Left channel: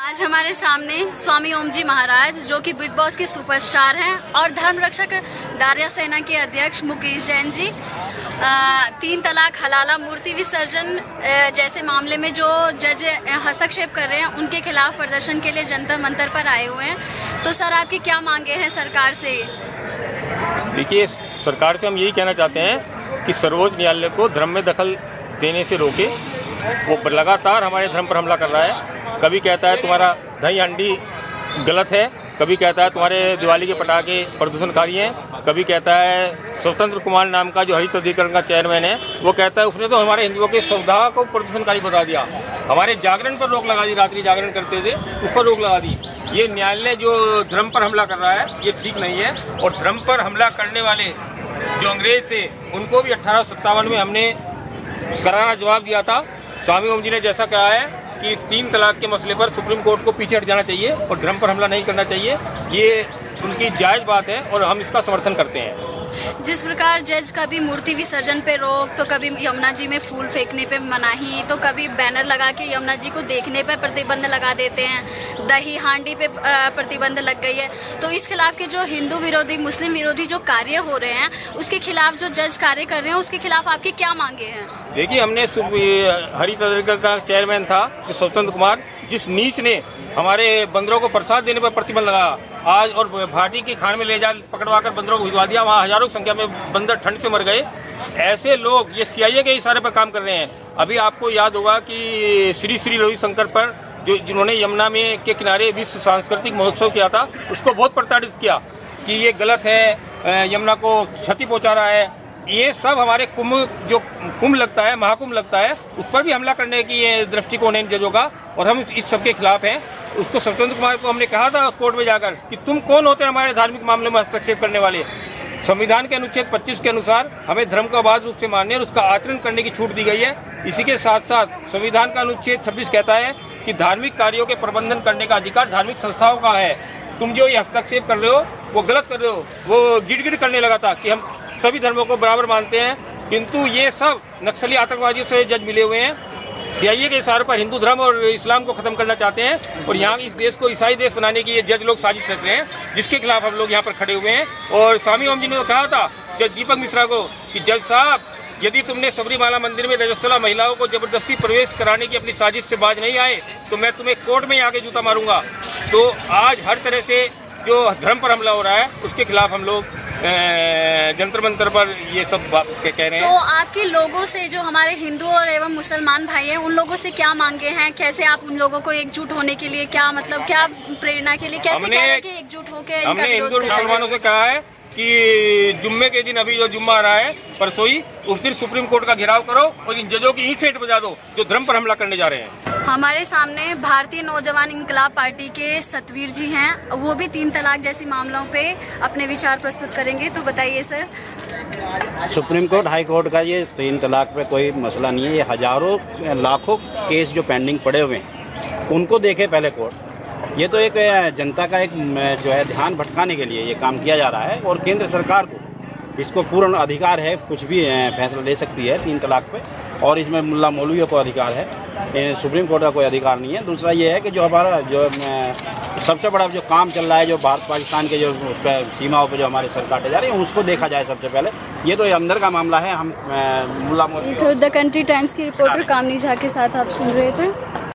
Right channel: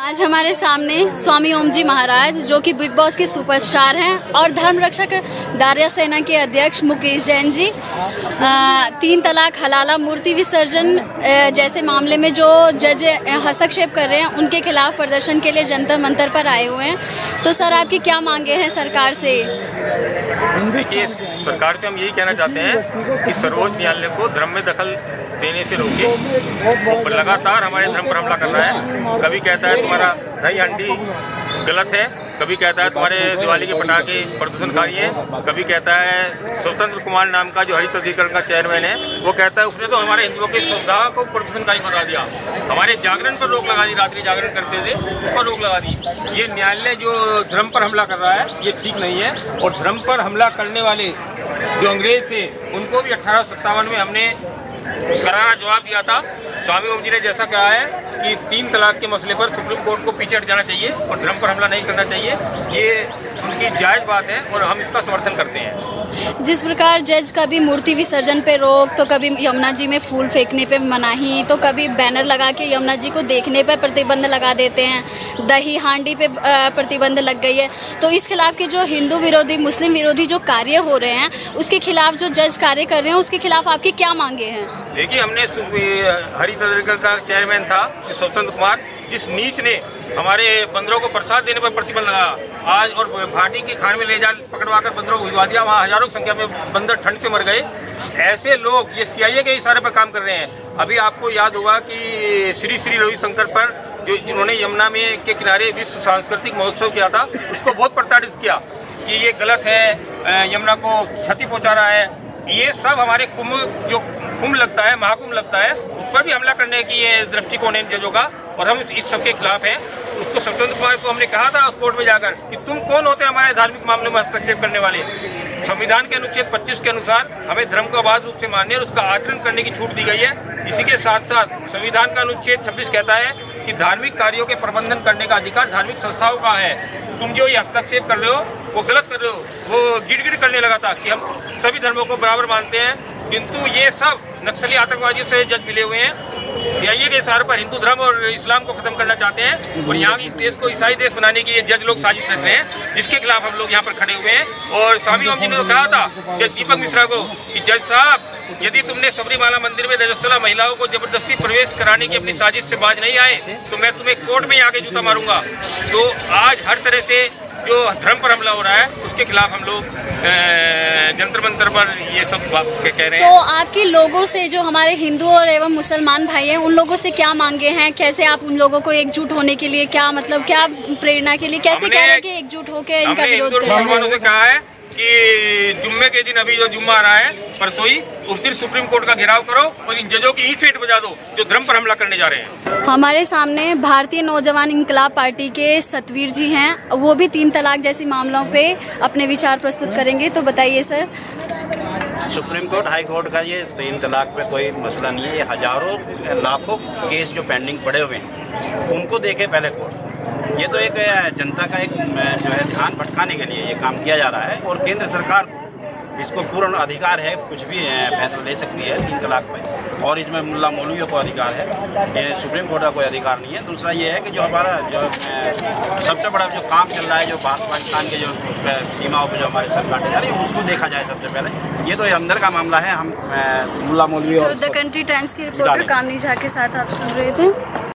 आज हमारे सामने स्वामी ओम जी महाराज जो कि बिग बॉस के सुपरस्टार हैं और धर्म रक्षक दारिया सेना के अध्यक्ष मुकेश जैन जी 3 तलाक हलाला मूर्ति विसर्जन जैसे मामले में जो जज हस्तक्षेप कर रहे हैं उनके खिलाफ प्रदर्शन के लिए जंतर मंतर पर आए हुए हैं। तो सर आपकी क्या मांगे हैं सरकार से? देखिए, सरकार से हम यही कहना चाहते हैं कि सर्वोच्च न्यायालय को धर्म में दखल देने से रोके। वो लगातार हमारे धर्म पर हमला कर रहा है। कभी कहता है तुम्हारा दही हंडी गलत है, कभी कहता है तुम्हारे दिवाली के पटाखे प्रदूषणकारी हैं, कभी कहता है स्वतंत्र कुमार नाम का जो हरित अधिकरण का चेयरमैन है वो कहता है उसने तो हमारे हिंदुओं के सौदा को प्रदूषणकारी बता दिया। हमारे जागरण पर रोक लगा दी, रात्रि जागरण करते थे उस पर रोक लगा दी। ये न्यायालय जो धर्म पर हमला कर रहा है ये ठीक नहीं है। और धर्म पर हमला करने वाले जो अंग्रेज थे उनको भी 1857 में हमने करारा जवाब दिया था। स्वामी ओम जी ने जैसा कहा है कि 3 तलाक के मसले पर सुप्रीम कोर्ट को पीछे हट जाना चाहिए और धर्म पर हमला नहीं करना चाहिए, ये उनकी जायज बात है और हम इसका समर्थन करते हैं। जिस प्रकार जज कभी मूर्ति विसर्जन पे रोक, तो कभी यमुना जी में फूल फेंकने पे मनाही, तो कभी बैनर लगा के यमुना जी को देखने पे प्रतिबंध लगा देते हैं, दही हांडी पे प्रतिबंध लग गई है। तो इस खिलाफ के जो हिंदू विरोधी मुस्लिम विरोधी जो कार्य हो रहे हैं उसके खिलाफ जो जज कार्य कर रहे हैं उसके खिलाफ आपकी क्या मांगे हैं? देखिए, हमने हरित अधिकरण का चेयरमैन था स्वतंत्र कुमार, जिस नीच ने हमारे बंदरों को प्रसाद देने पर प्रतिबंध लगाया आज और भाटी की खान में ले जा पकड़वाकर बंदरों को भिजवा दिया। वहाँ हजारों संख्या में बंदर ठंड से मर गए। ऐसे लोग ये CIA के इशारे पर काम कर रहे हैं। अभी आपको याद होगा कि श्री श्री रविशंकर पर जिन्होंने यमुना में के किनारे विश्व सांस्कृतिक महोत्सव किया था उसको बहुत प्रताड़ित किया कि ये गलत है, यमुना को क्षति पहुंचा रहा है। ये सब हमारे कुंभ लगता है, महाकुंभ लगता है, उस पर भी हमला करने की ये दृष्टिकोण है जजों का और हम इस सब के खिलाफ हैं। उसको स्वतंत्र कुमार को हमने कहा था कोर्ट में जाकर कि तुम कौन होते हैं हमारे धार्मिक मामले में हस्तक्षेप करने वाले। संविधान के अनुच्छेद 25 के अनुसार हमें धर्म को अबाध रूप से मानने और उसका आचरण करने की छूट दी गई है। इसी के साथ साथ संविधान का अनुच्छेद 26 कहता है कि धार्मिक कार्यों के प्रबंधन करने का अधिकार धार्मिक संस्थाओं का है। तुम जो ये हस्तक्षेप कर रहे हो वो गलत कर रहे हो। वो गिड़गिड़ करने लगा था कि हम सभी धर्मों को बराबर मानते हैं, किंतु ये सब नक्सली आतंकवादियों से जज मिले हुए हैं। CIA के इशारे पर हिंदू धर्म और इस्लाम को खत्म करना चाहते हैं और यहाँ इस देश को ईसाई देश बनाने की ये जज लोग साजिश रच रहे हैं, जिसके खिलाफ हम लोग यहाँ पर खड़े हुए हैं। और स्वामी ओम जी ने तो कहा था जज दीपक मिश्रा को कि जज साहब, यदि तुमने सबरीमाला मंदिर में रजस्वला महिलाओं को जबरदस्ती प्रवेश कराने की अपनी साजिश से बाज नहीं आए तो मैं तुम्हें कोर्ट में आके जूता मारूंगा। तो आज हर तरह से जो धर्म पर हमला हो रहा है उसके खिलाफ हम लोग जंतर मंतर पर ये सब बात कह रहे हैं। तो आपके लोगों से जो हमारे हिंदू और एवं मुसलमान भाई हैं उन लोगों से क्या मांगे हैं? कैसे आप उन लोगों को एकजुट होने के लिए क्या प्रेरणा के लिए कैसे कह रहे हैं कि एकजुट होकर इनका विरोध करें? मुसलमानों से कहा है कि जुम्मे के दिन, अभी जो जुम्मा आ रहा है परसोई, उस दिन सुप्रीम कोर्ट का घेराव करो और इन जजों की ईंट फेंट बजा दो जो धर्म पर हमला करने जा रहे हैं। हमारे सामने भारतीय नौजवान इंकलाब पार्टी के सतवीर जी हैं, वो भी 3 तलाक जैसी मामलों पे अपने विचार प्रस्तुत करेंगे। तो बताइए sir. Supreme court high court का ये 3 तलाक पे कोई मसला नहीं है। ये हजारों लाखों केस जो पेंडिंग पड़े हुए हैं उनको देखे पहले कोर्ट। ये तो एक जनता का एक जो है ध्यान भटकाने के लिए ये काम किया जा रहा है और केंद्र सरकार को इसको पूर्ण अधिकार है, कुछ भी फैसला ले सकती है 3 तलाक पे और इसमें मुल्ला मौलवियों को अधिकार है, सुप्रीम कोर्ट का कोई अधिकार नहीं है। दूसरा ये है कि जो हमारा जो सबसे बड़ा जो काम चल रहा है, जो भारत पाकिस्तान के जो उस पर सीमाओं पर जो हमारे सर काटे जा रहे हैं उसको देखा जाए सबसे पहले। ये तो अंदर का मामला है। हम मुल्ला मौलवी और द कंट्री टाइम्स की रिपोर्टर कामनी झा के साथ आप सुन रहे थे।